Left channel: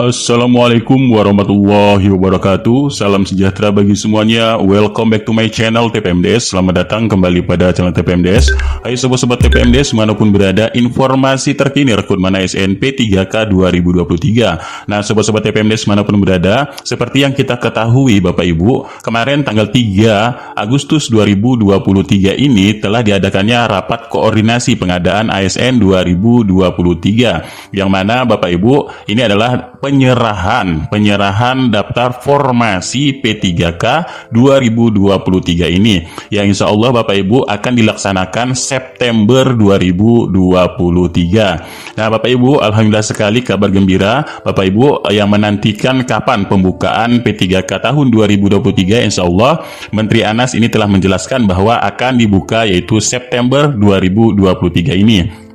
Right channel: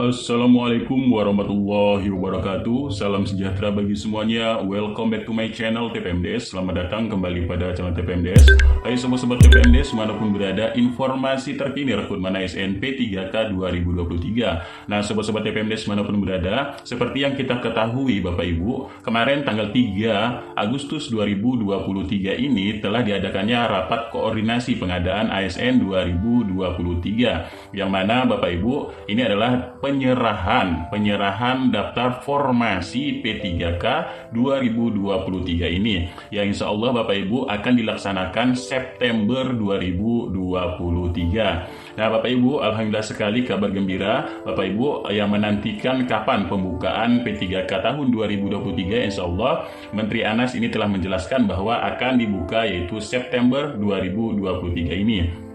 Assalamualaikum warahmatullahi wabarakatuh. Salam sejahtera bagi semuanya. Welcome back to my channel TPMDS. Selamat datang kembali pada channel TPMDS. Hai sobat-sobat TPMDS manapun berada, informasi terkini rekrutmen ASN P3K 2023. Nah sobat-sobat TPMDS manapun berada, seperti yang kita ketahui Bapak Ibu, kemarin tanggal 3 Agustus 2023 ini telah diadakannya rapat koordinasi pengadaan ASN 2023, yang mana Bapak Ibu ini adalah penyerahan daftar formasi P3K 2023 ini, yang insya Allah Bapak Ibu akan dilaksanakan September 2023. Nah Bapak Ibu, alhamdulillah sekali, kabar gembira Bapak Ibu yang menantikan kapan pembukaan P3K tahun 2023. Insya Allah Menteri Anas ini telah menjelaskan bahwa akan dibuka yaitu September 2023 ini.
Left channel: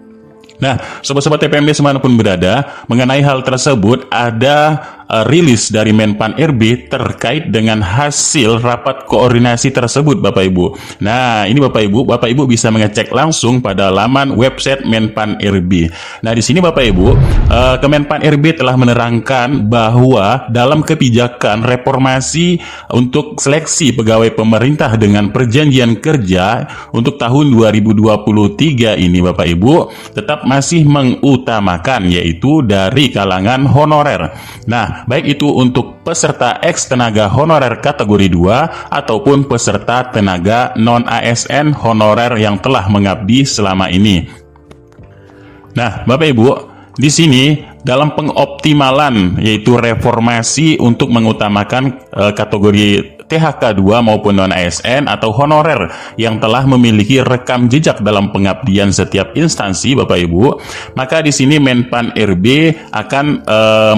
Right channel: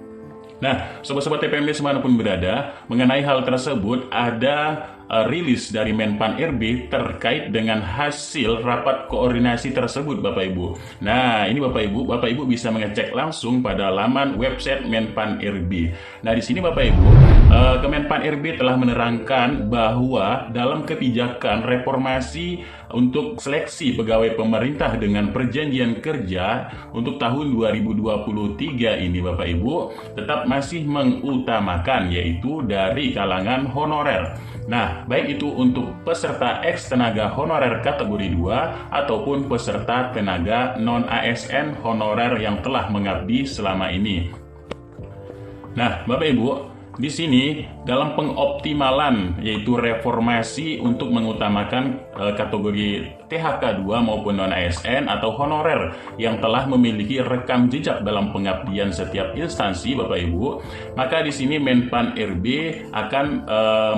Nah, sobat-sobat TPMDS manapun berada, mengenai hal tersebut ada rilis dari Menpan RB terkait dengan hasil rapat koordinasi tersebut Bapak Ibu. Nah, ini Bapak Ibu bisa mengecek langsung pada laman website Menpan RB. Nah, di sini Bapak Ibu, Kemenpan RB telah menerangkan bahwa dalam kebijakan reformasi untuk seleksi pegawai pemerintah dengan perjanjian kerja untuk tahun 2023 ini Bapak Ibu tetap masih mengutamakan yaitu dari kalangan honorer. Nah, baik itu untuk peserta ex tenaga honorer kategori 2 ataupun peserta tenaga non-ASN honorer yang telah mengabdi selama ini. Nah, Bapak Ibu, di sini dalam pengoptimalan yaitu reformasi untuk mengutamakan kategori THK 2 maupun non-ASN atau honorer yang telah memiliki rekam jejak dalam pengabdian setiap instansi Bapak Ibu, maka di sini Menpan RB akan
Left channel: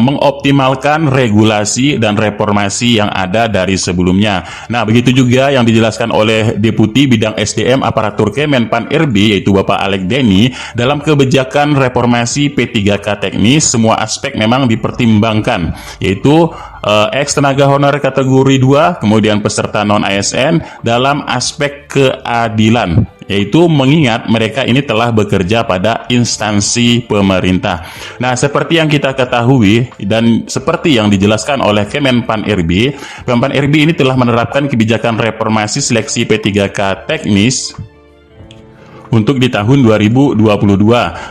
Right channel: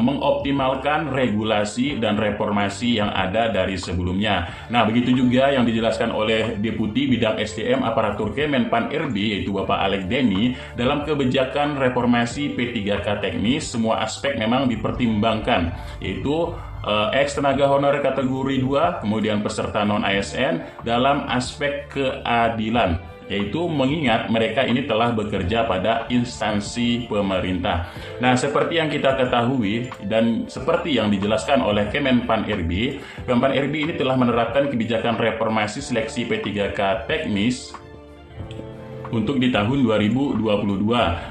mengoptimalkan regulasi dan reformasi yang ada dari sebelumnya. Nah, begitu juga yang dijelaskan oleh Deputi Bidang SDM Aparatur Kemenpan RB yaitu Bapak Alek Denny. Dalam kebijakan reformasi P3K teknis, semua aspek memang dipertimbangkan, yaitu ex tenaga honorer kategori 2, kemudian peserta non-ASN dalam aspek keadilan, yaitu mengingat mereka ini telah bekerja pada instansi pemerintah. Nah, seperti yang kita ketahui dan seperti yang dijelaskan oleh Kemenpan RB, Kemenpan RB ini telah menerapkan kebijakan reformasi seleksi P3K teknis untuk di tahun 2022.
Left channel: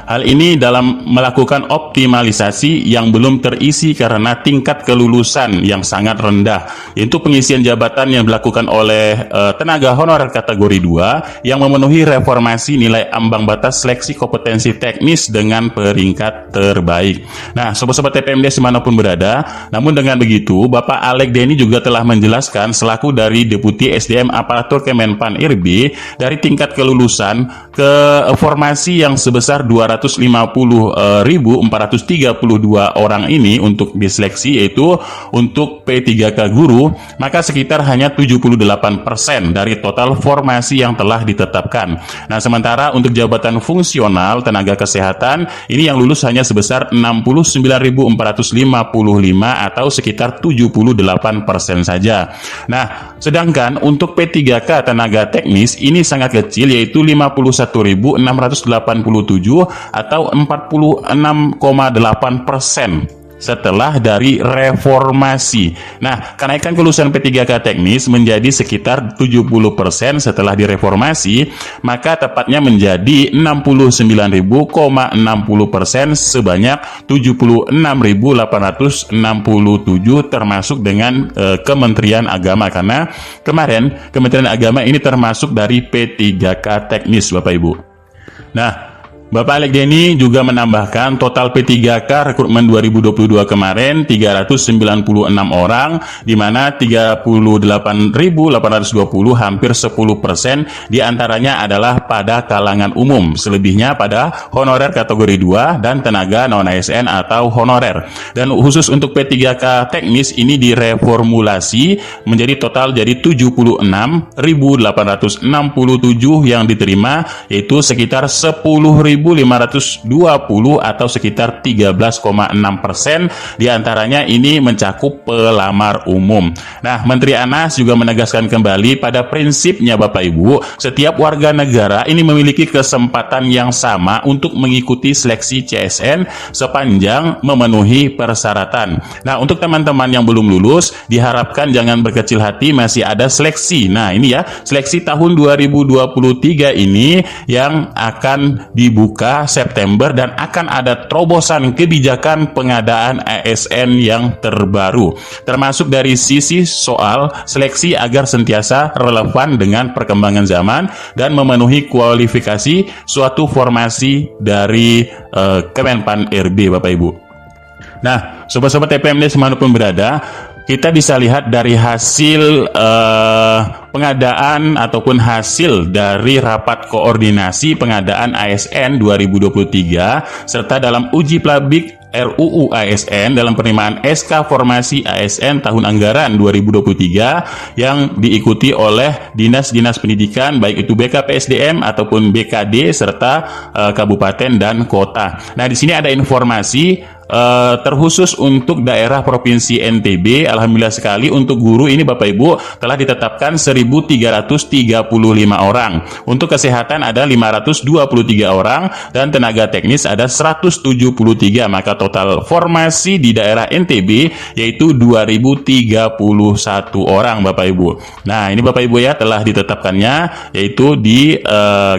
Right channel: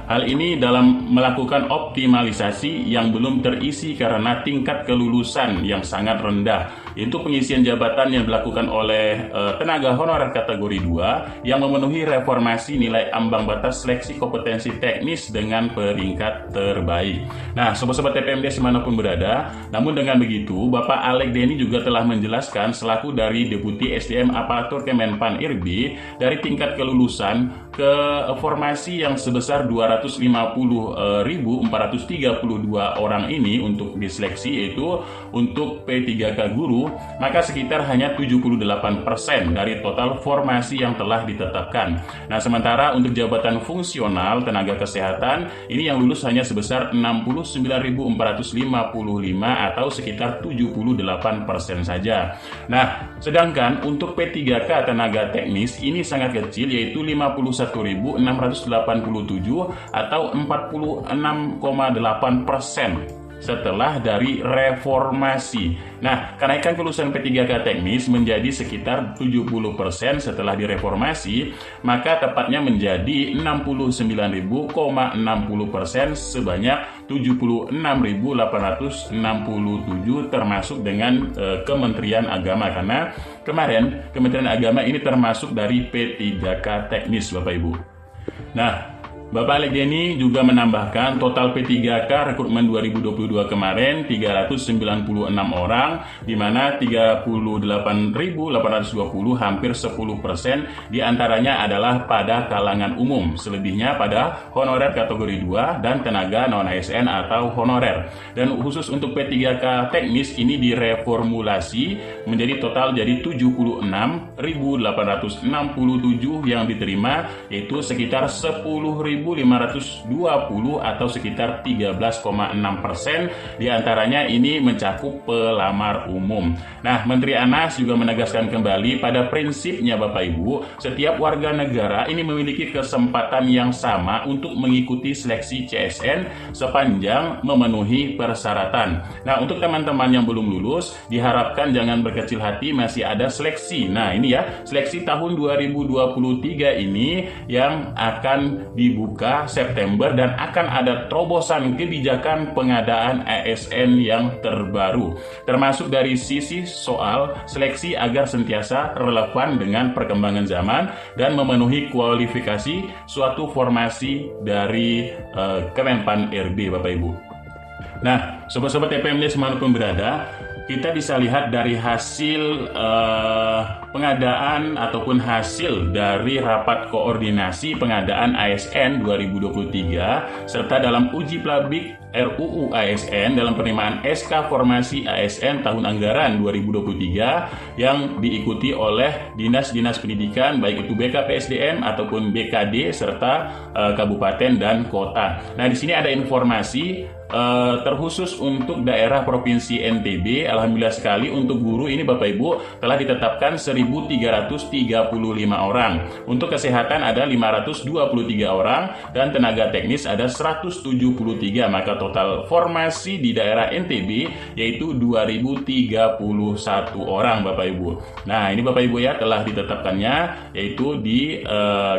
Hal ini dalam melakukan optimalisasi yang belum terisi karena tingkat kelulusan yang sangat rendah, yaitu pengisian jabatan yang dilakukan oleh tenaga honorer kategori 2 yang memenuhi reformasi nilai ambang batas seleksi kompetensi teknis dengan peringkat terbaik. Nah, sobat-sobat TPMDS dimanapun berada, namun dengan begitu Bapak Alek Denny juga telah menjelaskan selaku dari Deputi SDM Aparatur Kemenpan RB, dari tingkat kelulusan ke formasi yang sebesar 250.432 orang ini untuk diseleksi, yaitu untuk P3K guru, maka sekitar hanya 78% dari total formasi yang telah ditetapkan. Nah, sementara untuk jabatan fungsional tenaga kesehatan ini yang lulus hanya sebesar 69.455 atau sekitar 78% saja. Nah, sedangkan untuk P3K tenaga teknis ini sangat kecil, yaitu 51.687 atau 46,8% setelah dari reformasi. Nah, kenaikan kelulusan P3K teknis menjadi sekitar 70% setelah direformasi, maka tepatnya menjadi 69.060% sebanyak 76.867 termasuk dengan Kementerian Agama, karena kemarin Kementerian Agama ini termasuk dari P3K teknis Bapak Ibu. Nah, Bapak Alek Denny juga menambahkan total P3K rekrutmen 2022 kemarin 396 orang, di mana 38.820 hampir 10% diantaranya adalah pada kalangan umum, selebihnya pada honorer kategori 2 dan tenaga non-ASN atau honorer. Dan khusus untuk P3K teknis ini direformulasi menjadi total jadi 76.867 yang diterima, yaitu sekitar 10.000 1.520 atau sekitar 13,6%, diantaranya ini mencakup pelamar umum. Nah, Menteri Anas juga menegaskan kembali pada prinsipnya Bapak Ibu, setiap warga negara ini memiliki kesempatan yang sama untuk mengikuti seleksi CSN sepanjang memenuhi persyaratan. Nah, untuk teman-teman yang belum lulus, diharapkan jangan berkecil hati, masih ada seleksi. Nah, ini ya, seleksi tahun 2023 ini yang akan dibuka September dan akan ada terobosan kebijakan pengadaan ASN yang terbaru, termasuk dari sisi soal seleksi agar sentiasa relevan dengan perkembangan zaman dan memenuhi kualifikasi suatu formasi dari Kemenpan RB Bapak Ibu. Nah, sobat-sobat TPMD dimanapun berada, kita bisa lihat dari hasil pengadaan ataupun hasil dari rapat koordinasi pengadaan ASN 2023 serta dalam uji publik RUU ASN dalam penerimaan SK Formasi ASN tahun anggaran 2023 yang diikuti oleh Dinas-Dinas Pendidikan baik itu BKPSDM ataupun BKD serta kabupaten dan kota. Nah, di sini ada informasi terkhusus untuk daerah Provinsi NTB. Alhamdulillah sekali untuk guru ini Bapak Ibu telah ditetapkan 1.335 orang. Untuk kesehatan ada 523 orang dan tenaga teknis ada 173. Maka total formasi di daerah NTB yaitu 2.031 orang Bapak Ibu. Nah, ini Bapak Ibu ya telah ditetapkannya yaitu di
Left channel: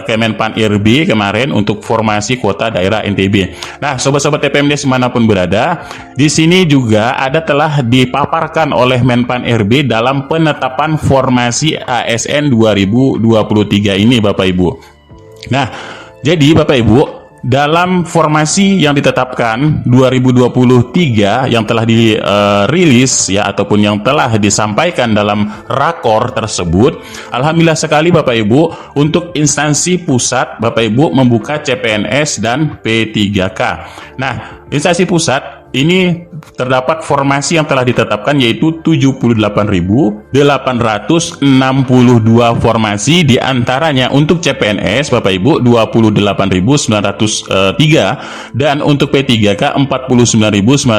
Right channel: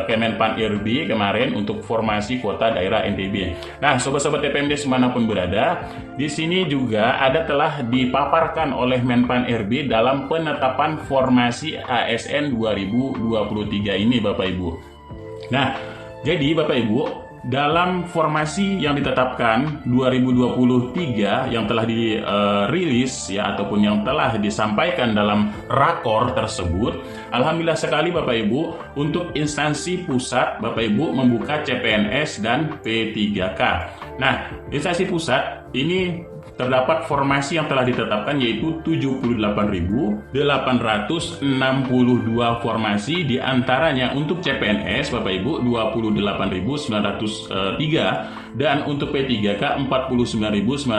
Kemenpan RB kemarin untuk formasi kuota daerah NTB. Nah, sobat-sobat TPMD semanapun berada, di sini juga ada telah dipaparkan oleh Menpan RB dalam penetapan formasi ASN 2023 ini Bapak Ibu. Nah, jadi Bapak Ibu, dalam formasi yang ditetapkan 2023 yang telah dirilis ya ataupun yang telah disampaikan dalam rakor tersebut, alhamdulillah sekali Bapak Ibu, untuk instansi pusat Bapak Ibu membuka CPNS dan P3K. Nah, instansi pusat ini terdapat formasi yang telah ditetapkan yaitu 78.862 formasi, diantaranya untuk CPNS Bapak Ibu 28.903 dan untuk P3K 49.959.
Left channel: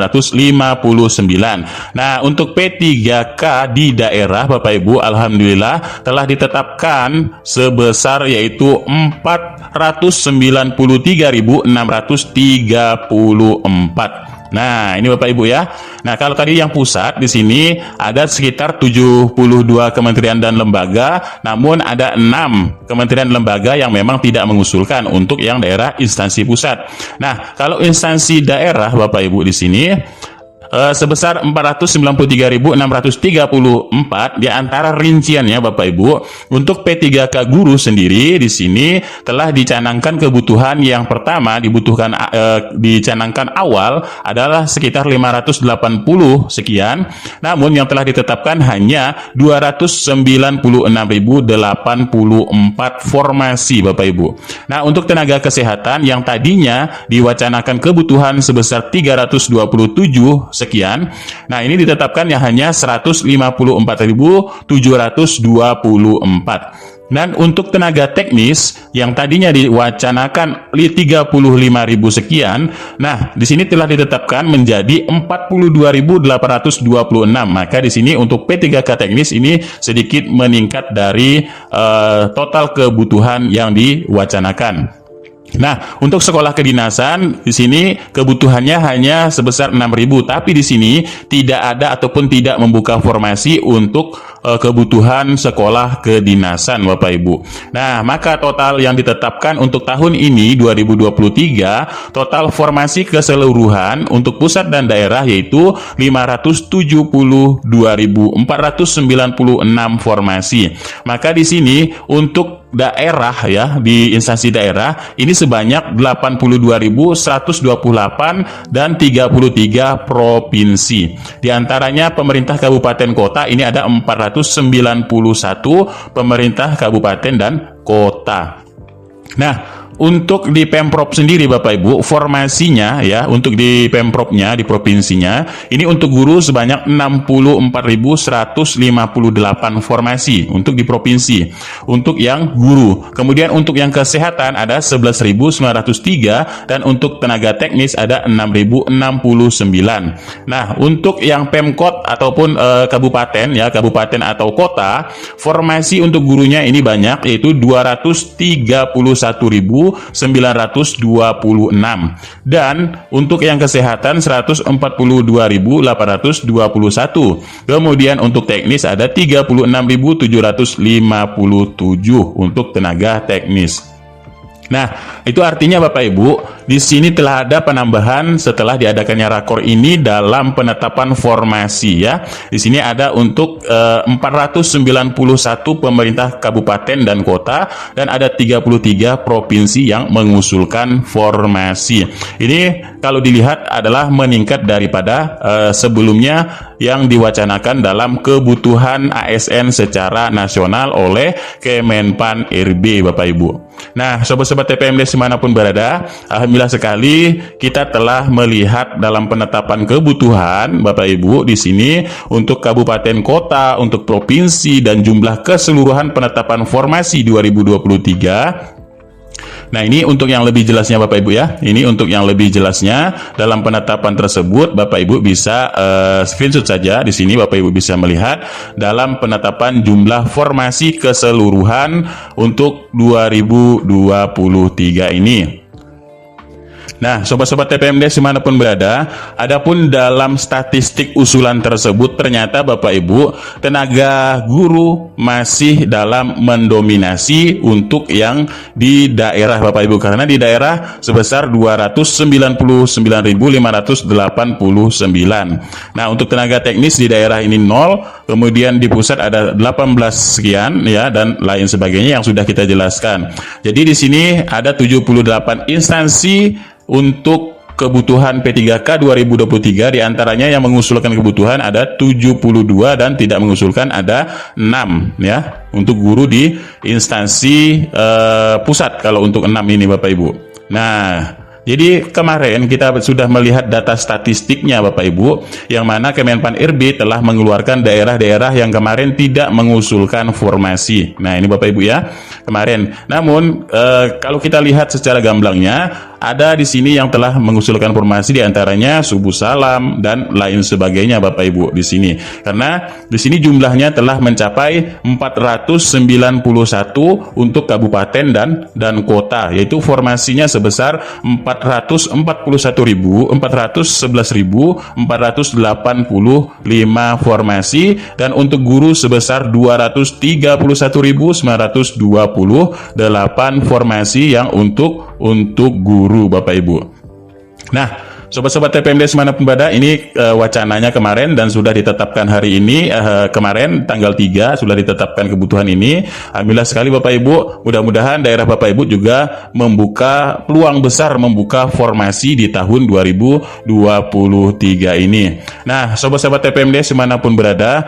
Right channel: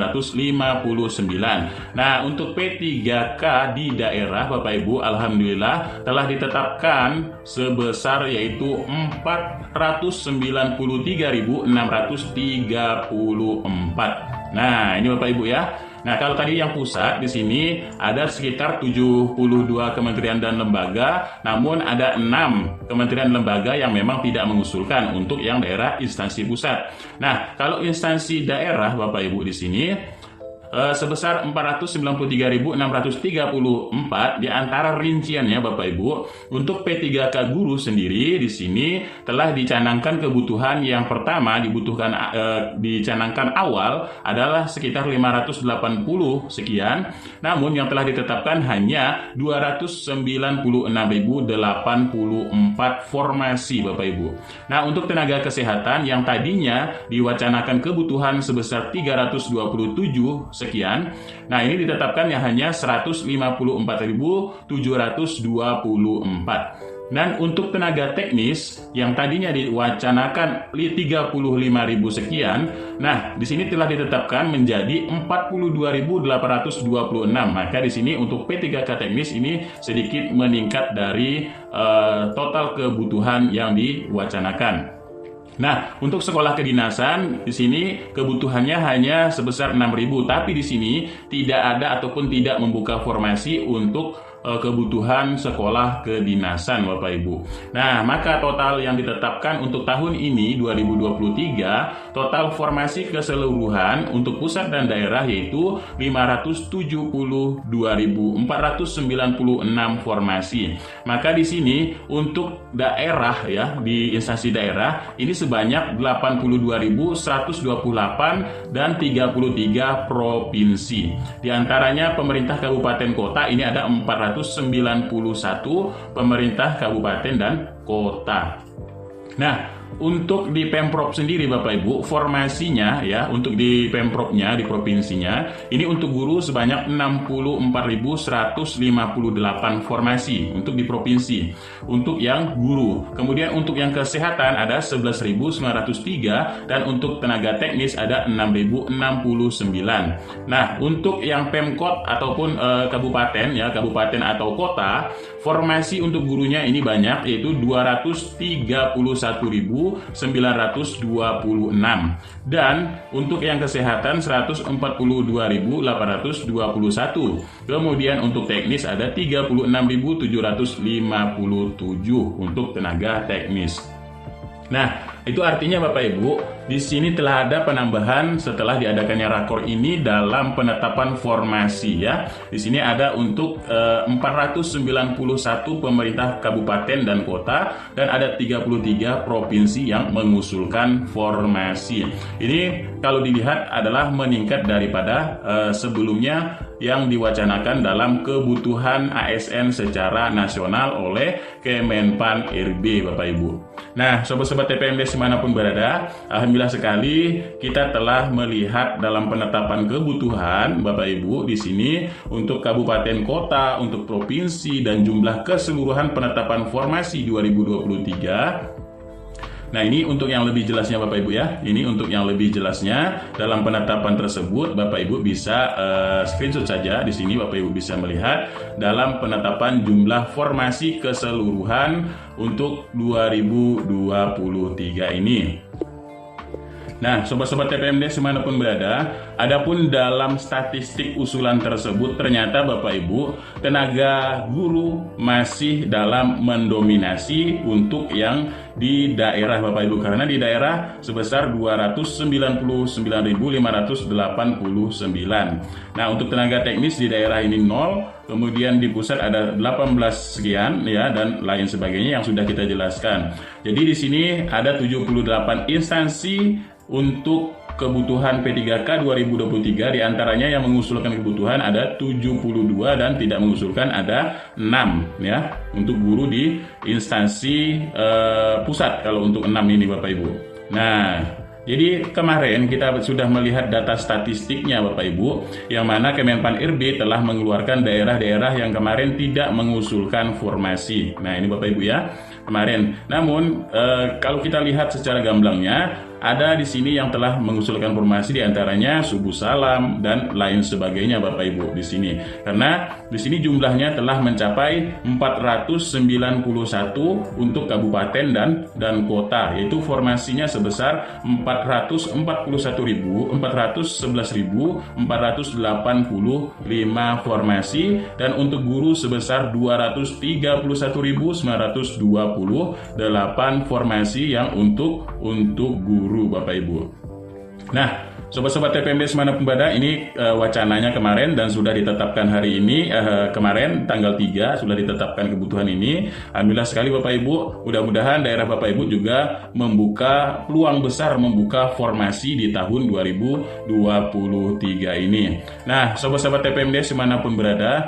Nah, untuk P3K di daerah Bapak Ibu alhamdulillah telah ditetapkan sebesar yaitu 493.634. Nah, ini Bapak Ibu ya. Nah, kalau tadi yang pusat di sini ada sekitar 72 kementerian dan lembaga, namun ada 6 kementerian lembaga yang memang tidak mengusulkan untuk yang daerah instansi pusat. Nah, kalau instansi daerah Bapak Ibu di sini sebesar 493.634, di antara rinciannya Bapak Ibu untuk P3K guru sendiri di sini telah dicanangkan kebutuhan yang pertama dicanangkan awal adalah sekitar 580 sekian, namun yang telah ditetapkan hanya 296.084 formasi Bapak Ibu. Nah, untuk tenaga kesehatan yang tadinya diwacanakan kebutuhan sebesar 327 sekian. Nah, ini ditetapkan yang hanya 154.724. Dan untuk tenaga teknis yang tadinya diwacanakan 35.000 sekian, nah di sini telah ditetapkan menjadi 42.826. Maka di sini untuk P3K teknis ini sedikit meningkat dari total kebutuhan yang diwacanakan. Nah, untuk sekolah kedinasan di sini kebutuhannya hanya sebesar 6.000, tapi di sini tidak ada ataupun tidak membuka formasi untuk kebutuhan sekolah kedinasan Bapak Ibu. Nah, maka total yang ditetapkan untuk tahun ini 2023 total formasi keseluruhan untuk pusat dan daerah yaitu 572.496 formasi. Maka di sini untuk daerah ya, di instansi daerah ini sebanyak 82.128 dan 33 provinsi. Di antaranya pemerintah kabupaten kota ini ada 491 pemerintah kabupaten dan kota. Nah, untuk di Pemprov sendiri Bapak Ibu, formasinya ya, untuk di Pemprovnya, di provinsinya, ini untuk guru sebanyak 64.158 formasi untuk di provinsi, untuk yang guru. Kemudian untuk yang kesehatan ada 11.903 dan untuk tenaga teknis ada 6.069. Nah, untuk yang Pemkot ataupun kabupaten ya, kabupaten atau kota, formasi untuk gurunya ini banyak, yaitu 231.926, dan untuk yang kesehatan 142.821. Kemudian untuk teknis ada 36.757 untuk tenaga teknis. Nah, itu artinya Bapak Ibu, di sini telah ada penambahan setelah diadakannya rakor ini dalam penetapan formasi ya. Di sini ada untuk 491 pemerintah kabupaten dan kota, dan ada 33 provinsi yang mengusulkan formasi. Ini kalau dilihat adalah meningkat daripada sebelumnya yang diwacanakan dalam kebutuhan ASN secara nasional oleh Kemenpan RB Bapak Ibu. Nah, sobat-sobat TPMD dimanapun berada, alhamdulillah sekali kita telah melihat dalam penetapan kebutuhan Bapak Ibu di sini untuk kabupaten kota, untuk provinsi, dan jumlah keseluruhan penetapan formasi 2023. Nah, ini untuk yang lebih jelasnya Bapak Ibu ya. Ini untuk yang lebih jelasnya dalam penetapan tersebut Bapak Ibu bisa screenshot saja. Di sini Bapak Ibu bisa melihat dalam penetapan jumlah formasi keseluruhan untuk 2023 ini. Nah, sobat-sobat TPMD dimanapun berada, adapun dalam statistik usulan tersebut ternyata Bapak Ibu, tenaga guru masih dalam mendominasi untuk yang di daerah Bapak Ibu, karena di daerah sebesar 299.589. Nah, untuk tenaga teknis di daerah ini 0, kemudian di pusat ada 18 sekian ya, dan lain sebagainya yang sudah kita jelaskan. Jadi di sini ada 78 instansi untuk kebutuhan P3K 2023, diantaranya yang mengusulkan kebutuhan ada 72 dan tidak mengusulkan ada 6 ya, untuk guru di instansi pusat kalau untuk 6 ini Bapak Ibu. Nah, jadi kemarin kita sudah melihat data statistiknya Bapak Ibu, yang mana Kemenpan RB telah mengeluarkan daerah-daerah yang kemarin tidak mengusulkan formasi. Nah, ini Bapak Ibu ya, kemarin. Namun kalau kita lihat secara gamblangnya, ada di sini yang telah mengusulkan formasi, diantaranya Subuh Salam dan lain sebagainya Bapak Ibu di sini. Karena di sini jumlahnya telah mencapai 491 untuk kabupaten dan kota, yaitu formasinya sebesar 411.485 formasi, dan untuk guru sebesar 231.928 formasi yang untuk guru Bapak Ibu. Nah, sobat-sobat TPMD dimanapun berada, ini wacananya kemarin dan sudah ditetapkan hari ini, kemarin tanggal 3 sudah ditetapkan kebutuhan ini. Alhamdulillah sekali Bapak Ibu, mudah-mudahan daerah Bapak Ibu juga membuka peluang besar membuka formasi di tahun 2023 ini. Nah, sobat-sobat TPMD dimanapun berada,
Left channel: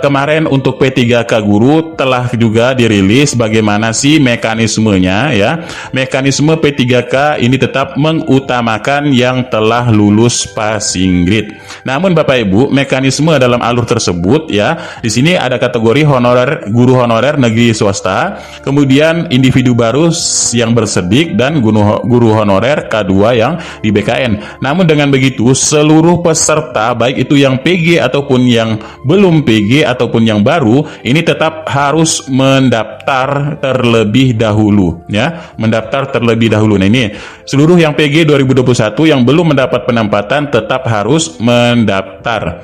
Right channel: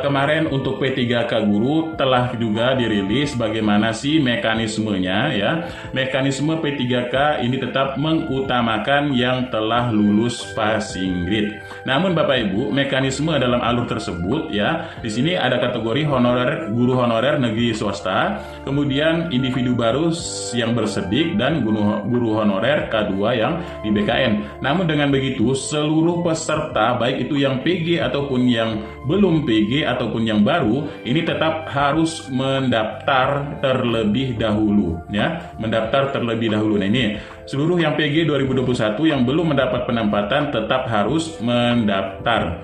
kemarin untuk P3K guru telah juga dirilis bagaimana sih mekanismenya ya. Mekanisme P3K ini tetap mengutamakan yang telah lulus passing grade. Namun Bapak Ibu, mekanisme dalam alur tersebut ya, di sini ada kategori honorer, guru honorer negeri swasta, kemudian individu baru yang bersedik, dan guru honorer K2 yang di BKN. Namun dengan begitu, seluruh peserta baik itu yang PG ataupun yang belum PG ataupun yang baru, ini tetap harus mendaftar terlebih dahulu ya, mendaftar terlebih dahulu. Nah, ini seluruh yang PG 2021 yang belum mendapat penempatan tetap harus mendaftar.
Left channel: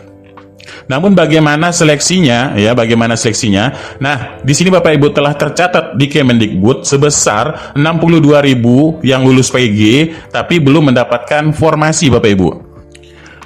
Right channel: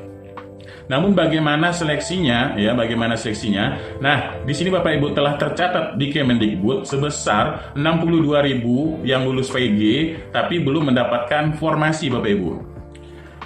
Namun bagaimana seleksinya ya, bagaimana seleksinya? Nah, di sini Bapak Ibu telah tercatat di Kemendikbud sebesar 62.000 yang lulus PG tapi belum mendapatkan formasi Bapak Ibu.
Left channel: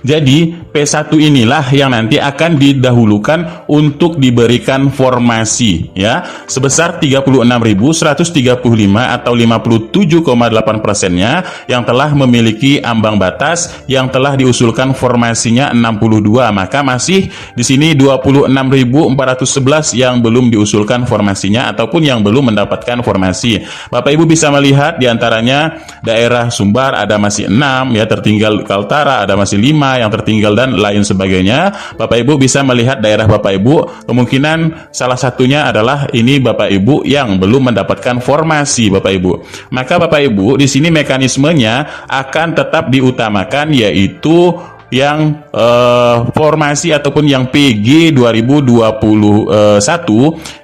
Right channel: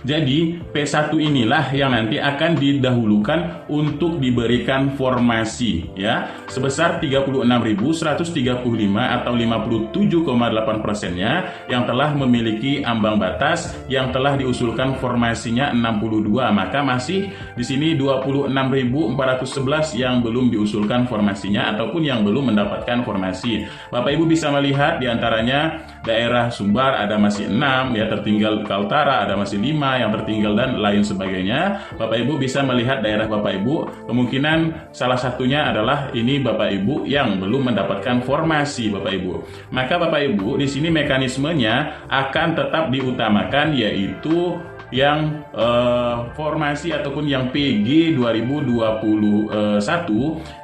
Jadi P1 inilah yang nanti akan didahulukan untuk diberikan formasi ya, sebesar 36.135 atau 57,8%-nya yang telah memiliki ambang batas yang telah diusulkan formasinya 62. Maka masih di sini 26.411 yang belum diusulkan formasinya ataupun yang belum mendapatkan formasi. Bapak Ibu bisa melihat diantaranya daerah Sumbar ada masih 6 ya, tertinggal Kaltara ada masih 5 yang tertinggal dan lain sebagainya. Bapak Ibu bisa melihat daerah Bapak Ibu, kemungkinan salah satunya adalah ini Bapak Ibu yang belum mendapatkan formasi Bapak Ibu. Maka Bapak Ibu di sini mekanismenya akan tetap diutamakan, yaitu yang formasi ataupun yang PG 2021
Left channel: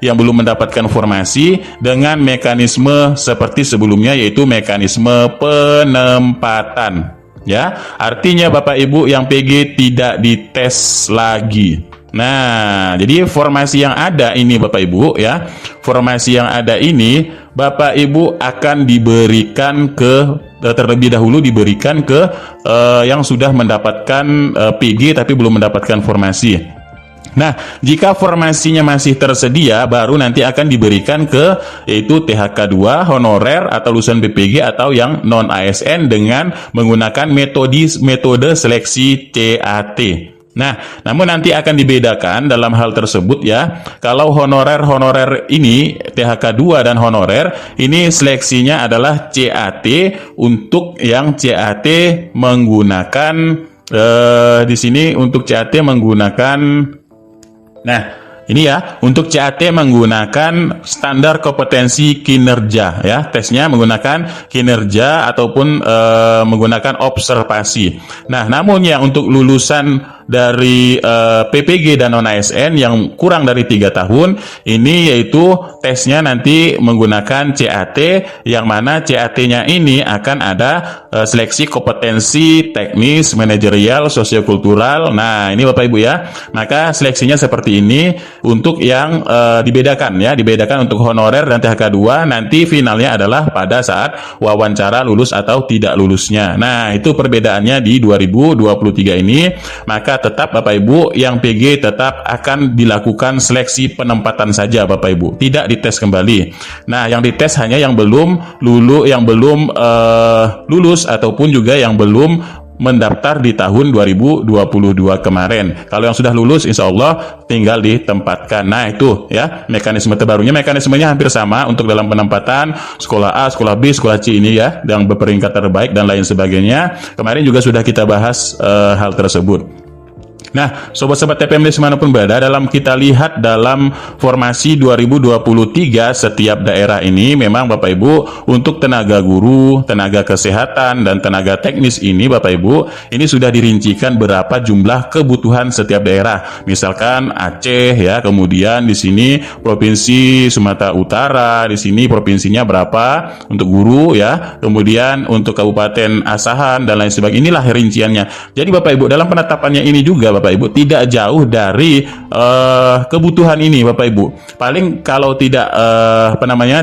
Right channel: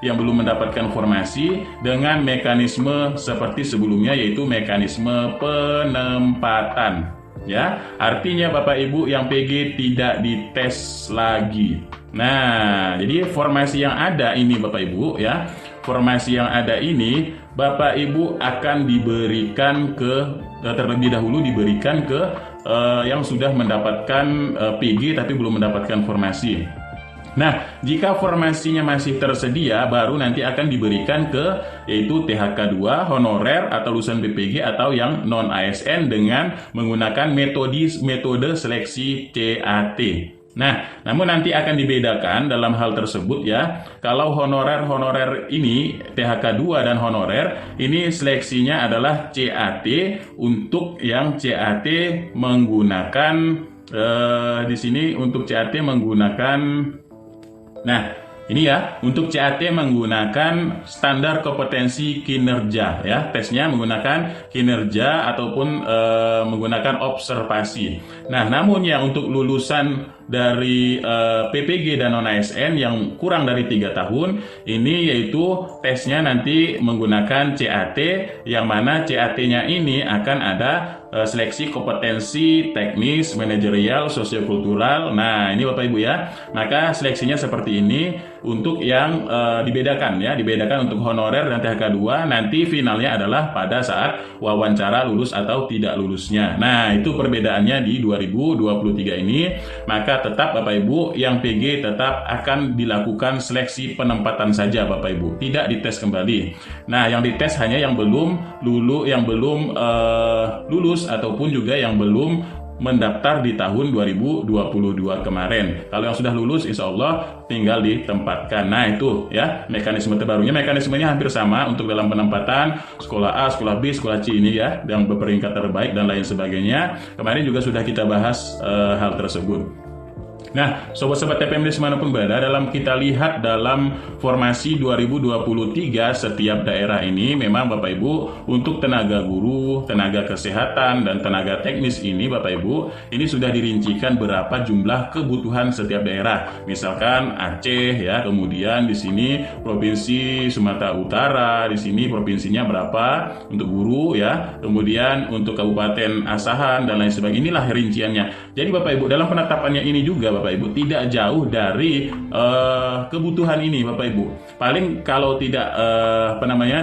yang belum mendapatkan formasi dengan mekanisme seperti sebelumnya, yaitu mekanisme penempatan. Ya, artinya Bapak Ibu yang PG tidak dites lagi. Nah, jadi formasi yang ada ini Bapak Ibu ya, formasi yang ada ini Bapak Ibu akan diberikan ke terlebih dahulu diberikan ke yang sudah mendapatkan PG tapi belum mendapatkan formasi. Nah, jika formasinya masih tersedia, baru nanti akan diberikan ke yaitu THK2, honorer atau lulusan BPG atau yang non ASN dengan menggunakan metode seleksi CAT. Nah, namun nanti akan dibedakan dalam hal tersebut ya. Kalau honorer ini THK2 dan honorer ini seleksinya adalah CAT untuk yang CAT menggunakan di sini untuk CAT menggunakan. Nah, ini ya, untuk CAT menggunakan standar kompetensi kinerja ya, tesnya menggunakan kinerja ataupun menggunakan observasi. Nah, namun ya untuk lulusan dari PPG dan non-ASN yang kurang dari 3 tahun ini, yaitu tesnya nanti menggunakan CAT, yang mana CAT-nya ini akan ada seleksi kompetensi teknis, manajerial, sosiokultural. Nah, ini Bapak Ibu ya. Maka seleksinya seperti ini untuk yang dibedakan ya, dibedakan untuk honorer dan THK2, nanti finalnya adalah pada saat wawancara lulus atau tidak lulusnya. Nah, itu perbedaannya di 2023 ini. Maka tetap Bapak Ibu yang PG tetap akan dilakukan seleksi penempatan saja Bapak Ibu, tidak dites kembali. Nah, yang dites hanya yang belum lulus ataupun juga yang belum mendaftar di tahun 2022 kemarin. Kalau yang sudah lulus insya Allah tinggal ditempatkan. Nah, itu ya mekanisme terbarunya. Mekanismenya hampir sama untuk dalam penempatan sekolah A, sekolah B, sekolah C ini ya, yang berperingkat terbaik dan lain sebagainya. Kemarin juga sudah kita bahas hal tersebut. Nah, sobat-sobat TPM dimanapun berada, dalam kita lihat dalam formasi 2023 setiap daerah ini memang Bapak Ibu untuk tenaga guru, tenaga kesehatan, dan tenaga teknis ini Bapak Ibu ini sudah dirincikan berapa jumlah kebutuhan setiap daerah. Misalkan Aceh ya, kemudian di sini Provinsi Sumatera Utara, di sini provinsinya berapa untuk guru ya, kemudian untuk Kabupaten Asahan dan lain sebagainya. Inilah rinciannya. Jadi Bapak Ibu dalam penetapannya ini juga Bapak Ibu tidak jauh dari kebutuhan ini Bapak Ibu. Paling kalau tidak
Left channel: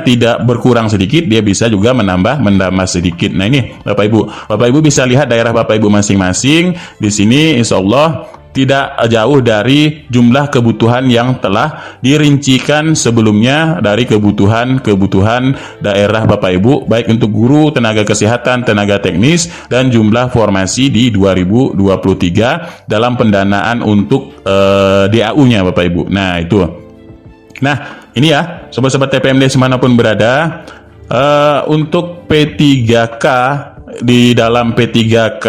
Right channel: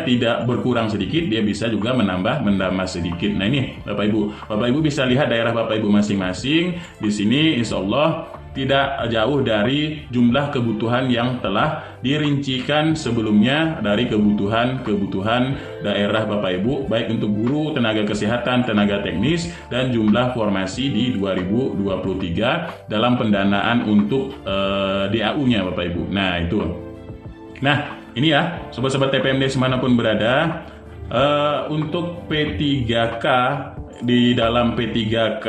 tidak berkurang sedikit, dia bisa juga menambah sedikit. Nah, ini Bapak Ibu bisa lihat daerah Bapak Ibu masing-masing. Di sini insya Allah tidak jauh dari jumlah kebutuhan yang telah dirincikan sebelumnya dari kebutuhan daerah Bapak Ibu, baik untuk guru, tenaga kesehatan, tenaga teknis, dan jumlah formasi di 2023 dalam pendanaan untuk DAU-nya Bapak Ibu. Nah, itu. Nah, ini ya, sobat-sobat TPMD dimanapun berada, untuk P3K di dalam P3K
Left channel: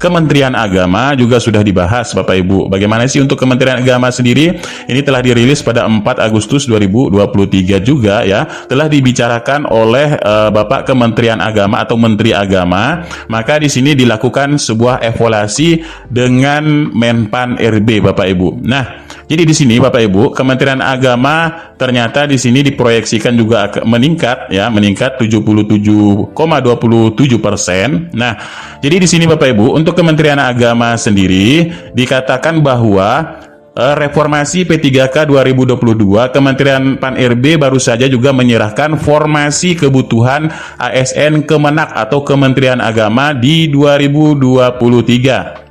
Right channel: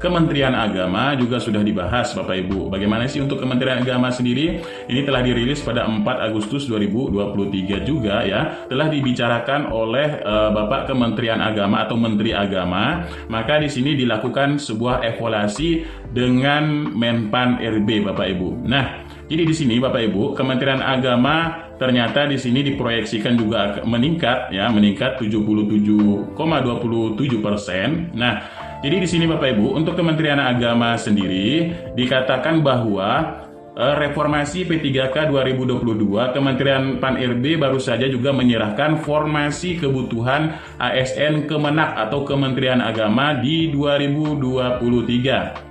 Kementerian Agama juga sudah dibahas Bapak Ibu. Bagaimana sih untuk Kementerian Agama sendiri? Ini telah dirilis pada 4 Agustus 2023 juga ya. Telah dibicarakan oleh Bapak Kementerian Agama atau Menteri Agama. Maka di sini dilakukan sebuah evaluasi dengan Menpan RB Bapak Ibu. Nah, jadi di sini Bapak Ibu, Kementerian Agama ternyata di sini diproyeksikan juga meningkat 77,27%. Nah, jadi di sini Bapak Ibu untuk Kementerian Agama sendiri dikatakan bahwa Reformasi P3K 2022, Kementerian Pan-RB baru saja juga menyerahkan formasi kebutuhan ASN Kemenak atau Kementerian Agama di 2023.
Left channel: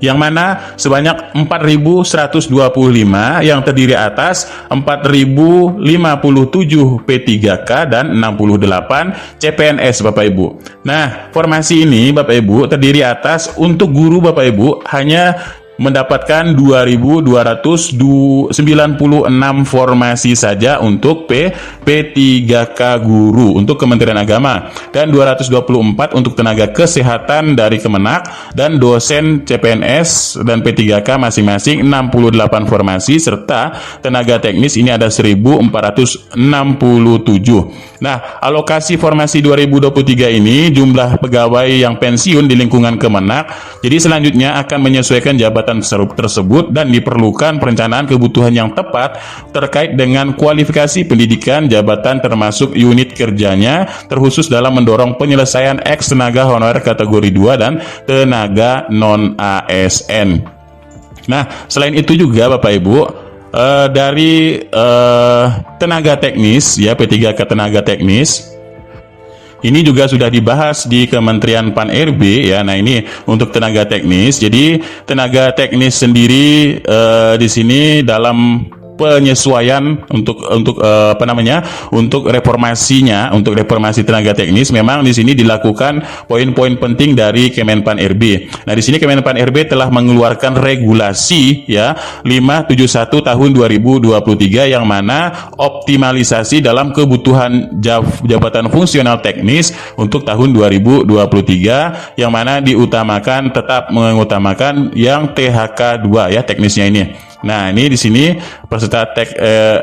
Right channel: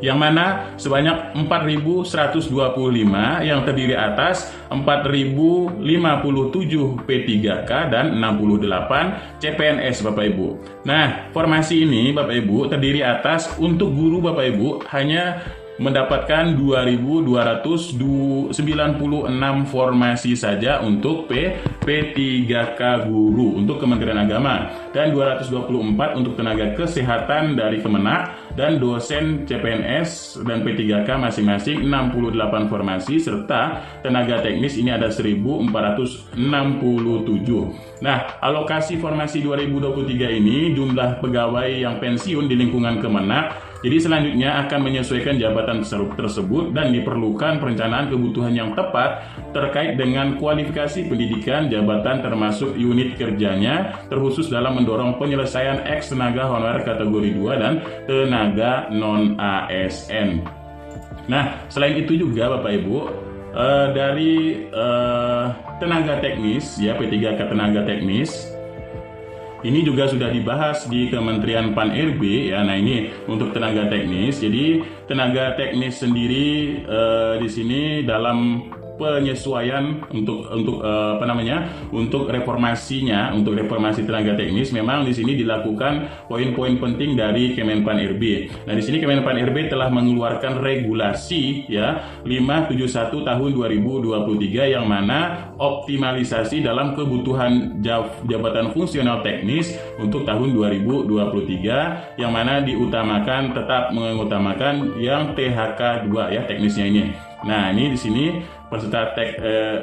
Yang mana sebanyak 4.125 yang terdiri atas 4.057 P3K dan 68 CPNS Bapak Ibu. Nah, formasi ini Bapak Ibu terdiri atas untuk guru Bapak Ibu hanya mendapatkan 2.296 formasi saja untuk P3K guru untuk Kementerian Agama, dan 224 untuk tenaga kesehatan dari Kemenak, dan dosen CPNS dan P3K masing-masing 68 formasi, serta tenaga teknis ini ada 1.467. Nah, alokasi formasi 2023 ini jumlah pegawai yang pensiun di lingkungan Kemenak, jadi selanjutnya akan menyesuaikan jabatan tersebut dan diperlukan perencanaan kebutuhan yang tepat terkait dengan kualifikasi pendidikan jabatan termasuk unit kerjanya, terkhusus dalam mendorong penyelesaian eks tenaga honorer kategori 2 dan tenaga non-ASN. Nah, selain itu juga Bapak Ibu, dari tenaga teknis ya, P3K tenaga teknis ini juga sudah dibahas di Kementerian Pan-RB ya. Nah, ini untuk tenaga teknis. Jadi tenaga teknis sendiri di sini dalam penyesuaian untuk reformasinya, untuk reformasi tenaga teknis, memang di sini dilakukan poin-poin penting dari Kemenpan RB. Nah, di sini Kemenpan RB telah mengeluarkan regulasi ya 571 tahun 2023 yang mana optimalisasi dalam kebutuhan jabatan fungsional teknis untuk tahun 2023, yang mana tetap mengutamakan yang THK 2 ya, teknisnya ini. Nah, ini di sini peserta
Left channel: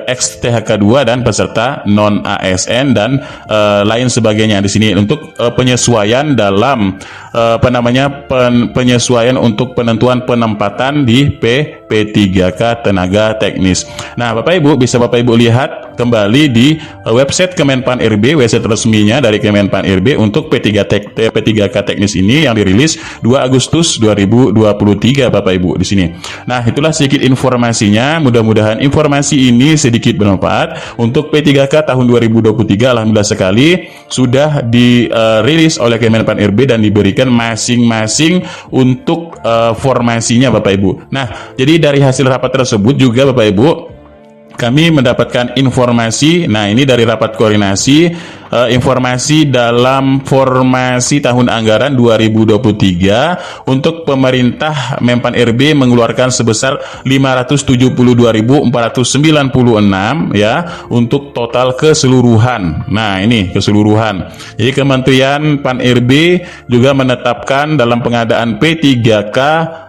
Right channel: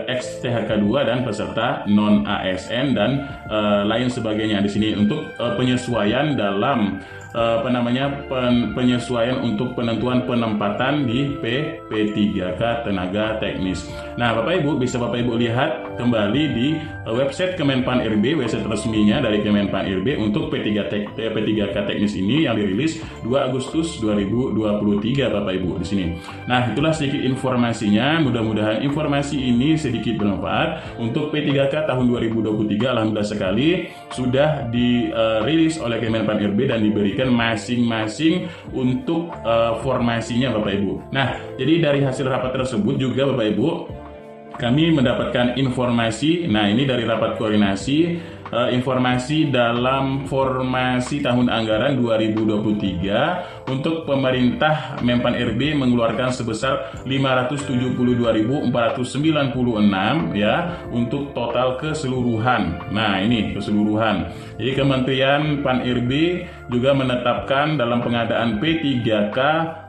ex THK 2 dan peserta non ASN dan lain sebagainya di sini untuk penyesuaian dalam penyesuaian untuk penentuan penempatan di P3K tenaga teknis. Nah, Bapak Ibu bisa lihat kembali di website Kemenpan RB, website resminya dari Kemenpan RB untuk P3K teknis ini yang dirilis 2 Agustus 2023 Bapak Ibu di sini. Nah, itulah sedikit informasinya. Mudah-mudahan informasi ini sedikit bermanfaat untuk P3K tahun 2023. Alhamdulillah sekali sudah dirilis oleh Kemenpan RB dan diberikan masing-masing untuk formasinya Bapak Ibu. Nah, jadi dari hasil rapat tersebut juga Bapak Ibu kami mendapatkan informasi. Nah, ini dari rapat koordinasi informasi dalam formasi tahun anggaran 2023 untuk pemerintah Menpan RB mengeluarkan sebesar 572.496 ya untuk total keseluruhan. Nah, ini keseluruhan. Jadi Kementerian Pan RB juga menetapkan dalam pengadaan P3K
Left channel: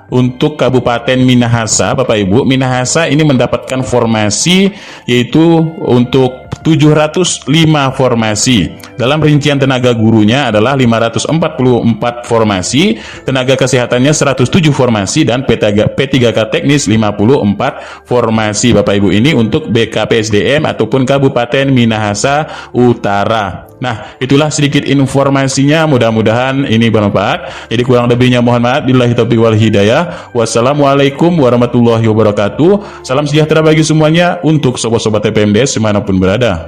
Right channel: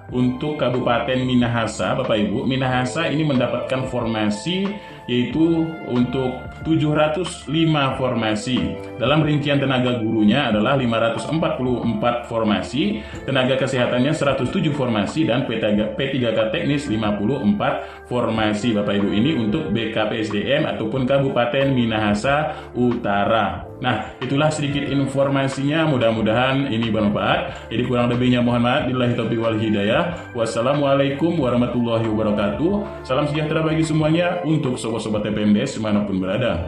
untuk Kabupaten Minahasa, Bapak Ibu, Minahasa ini mendapatkan formasi yaitu untuk 705 formasi. Dalam rincian tenaga gurunya adalah 544 formasi, tenaga kesehatannya 107 formasi, dan P3K teknis 54 formasi Bapak Ibu, ini untuk BKPSDM ataupun Kabupaten Minahasa Utara. Nah, itulah sedikit informasinya, mudah-mudahan ini bermanfaat. Jadi kurang lebihnya mohon maaf, billahi taufiq wal hidayah. Wassalamualaikum warahmatullahi wabarakatuh. Salam sejahtera bagi semuanya untuk sobat-sobat TPMDS dimanapun berada.